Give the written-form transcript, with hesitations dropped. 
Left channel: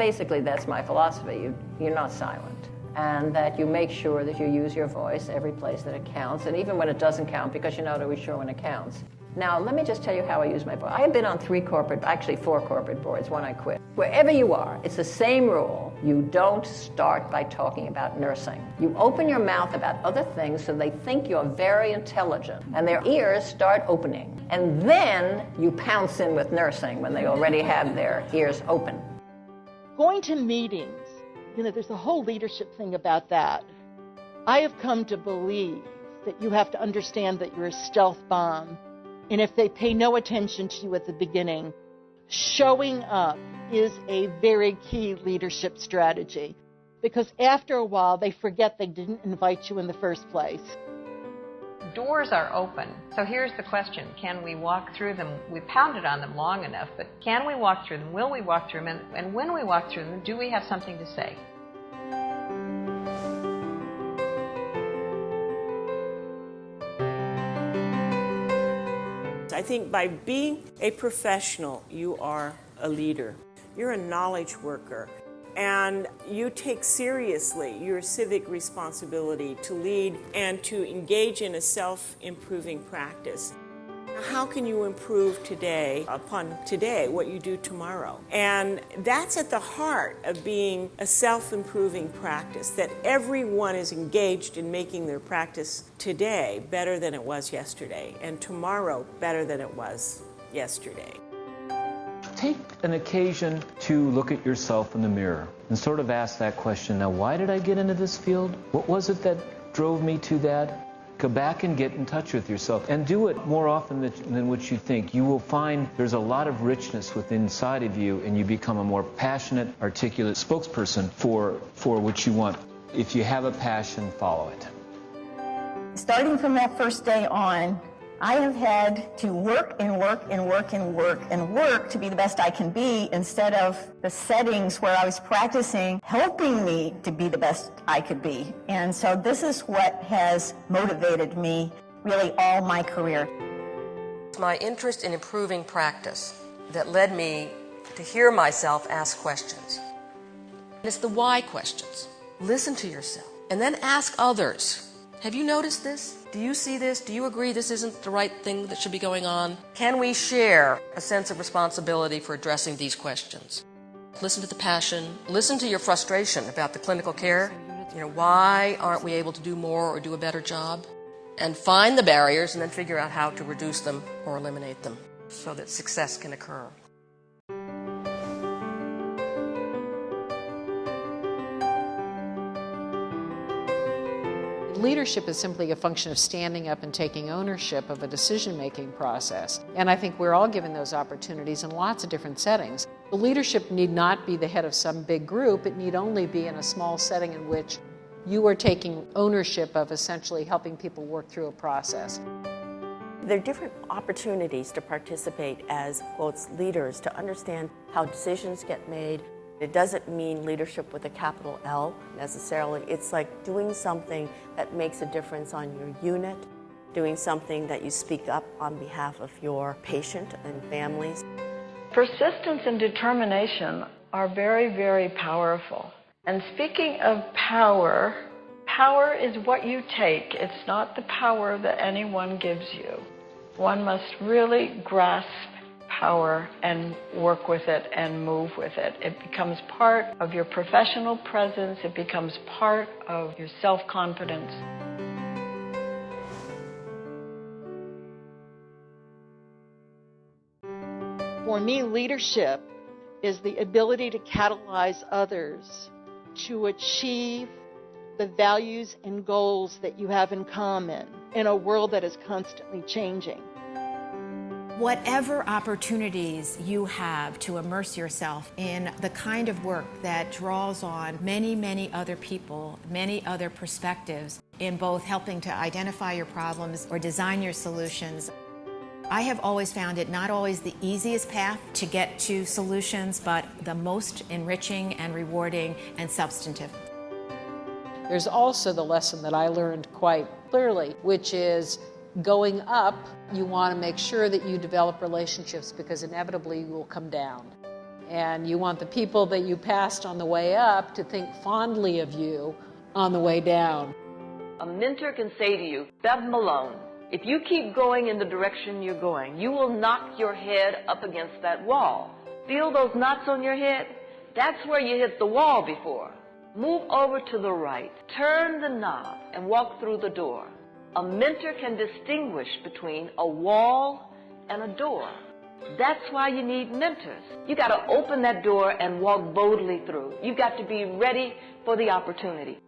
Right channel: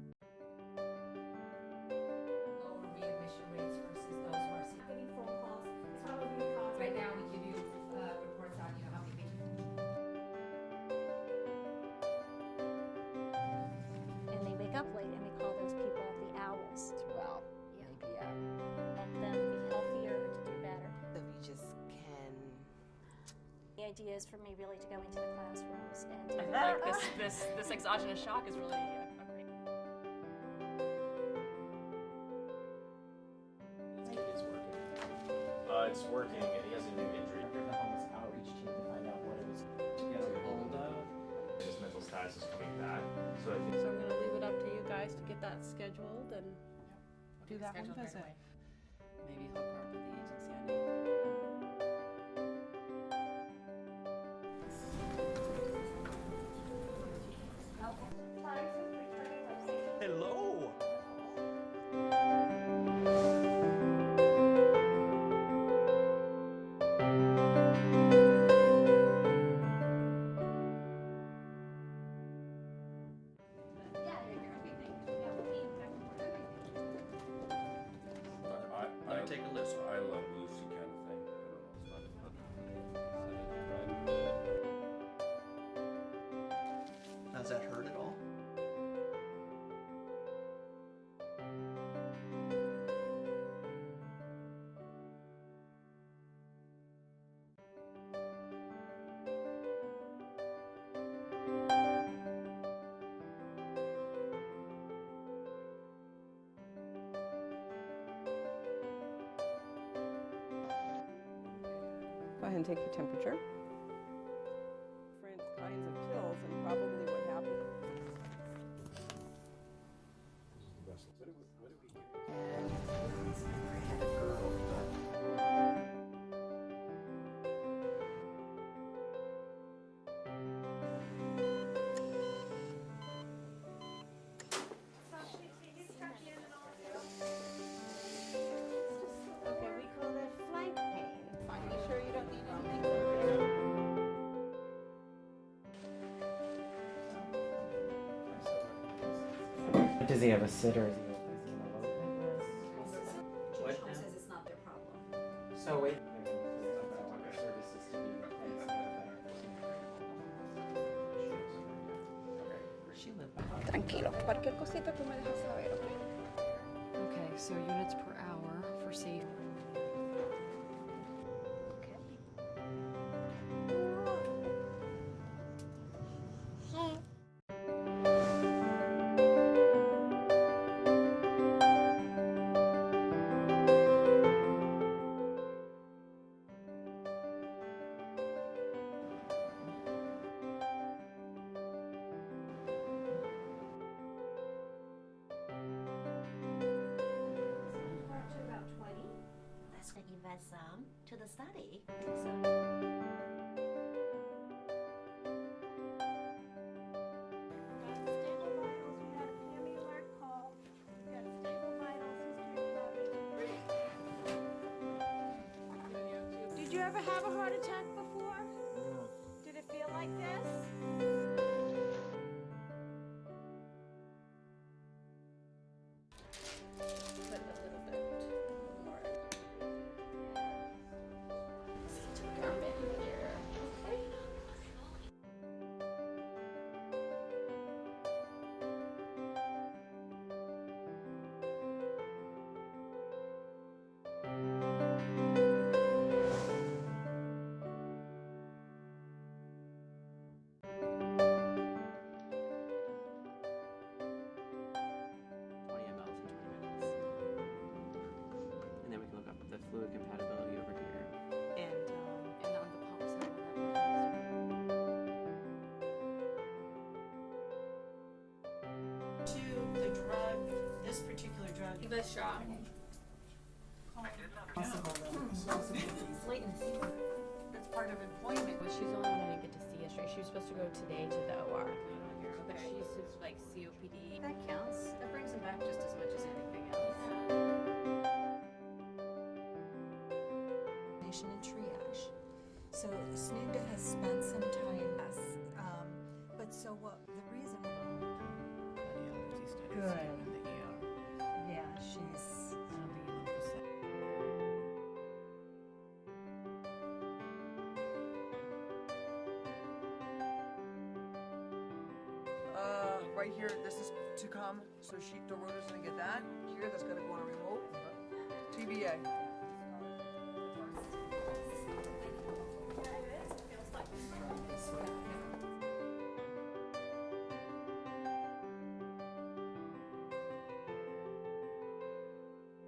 basically, that's my philosophy. You're not silent. And that you make sure that you use your voice every place that it counts, and even when it doesn't count, because you're not always sure when it counts. Now, let me just tell you how I use my voice. I have been on 4 corporate boards, one I quit. Wherever you are, it's the same rule. You don't start by talking about nursing. You open your mouth about other things so they think you're very intelligent, and their ears start opening. And then you pounce in with nursing when they already have their ears open. Going to meetings, there's a whole leadership thing about that. I have come to believe that you have to understand that you're a stealth bomb. And if they pay no attention to you at the beginning, showing up is a very key leadership strategy. Because after a while, they forget they didn't invite you in the first place. Doors are open. So here's the question. Can we walk through them? We pounded on them long enough, but can we walk through them? Will we walk through them? And when we walk through them, do we have something to say? I think by being a professional, you are a leader. You're a knowledge worker. And you take seriously your civic responsibility to lead and to engage in a self-improving practice. How can you improve today upon today what you do tomorrow? And that's at the heart of being a self-improving practice, that everyone is engaged in making their practice today better than it was yesterday, and tomorrow better than it was yesterday. Take an occasion to look at yourself in the mirror and sort of ask that question, now why did I get into this field? What was it that drove me to that? Go back and get in touch with yourself and do it more often than what you think. You will find there's a lot of richness within inside of you, and you become a more passionate, articulate spokesperson for what you want. If you have a passion, follow it. Starting from that first day on, I have had to work and work and work and work and work to be the best I can be, instead of the settings where I was practicing helping me to be the best I could be. And so this is what has motivated me really all my career. My interest in improving practice that led me to hear myself ask questions. Does he have a sitter? It's the why questions. Listen to yourself and then ask others. Have you noticed this? Do you see this? Do you agree this isn't the right thing that should be going on? Can we share a sense of responsibility for addressing these questions? Listen to the passion. Listen to your frustration about the clinical care. Why aren't we able to do more or do a better job? And find the barriers and then figure out how to reduce them or eliminate them so that success can occur. Leadership is simply a function of standing up and taking ownership of a decision-making process. And I think we're all given those opportunities in lots of different settings. The leadership need not be the head of some big group. It need only be in a small setting in which you are taking ownership of essentially helping people work through a process. There are different opportunities to participate as both leaders, to understand how decisions get made. It doesn't mean leadership with a capital L necessarily. It's like doing something that makes a difference on your unit, doing something that you speak up on behalf of your patient and families. Persistence and determination are very, very powerful. And speaking of power, power is what you take. It's not the power that anyone gives you. One must really grasp power and work with it and move with it. It becomes part of your professional presence. It becomes part of your self-confidence. For me, leadership is the ability to catalyze others to achieve the values and goals that you have in common in a world that is constantly changing. Whatever opportunities you have to immerse yourself in the kind of work that draws on many, many other people, many other perspectives in both helping to identify your problems or design your solutions. I have always found it not always the easiest path to get to solutions, but the most enriching and rewarding and substantive. There's also the lesson that I learned quite clearly, which is going up, you want to make sure that you develop relationships because inevitably you will come down. And you want the people that you passed on the way up to think fondly of you on the way down. A mentor can say to you, Bev Malone, if you keep going in the direction you're going, you will knock your head up against that wall. Feel those knots on your head? That's where you hit the wall before. Move over to the right, turn the knob, and walk through the door. A mentor can distinguish between a wall and a door. That's why you need mentors. You got to open that door and walk boldly through. You got to be ready for the opportunity.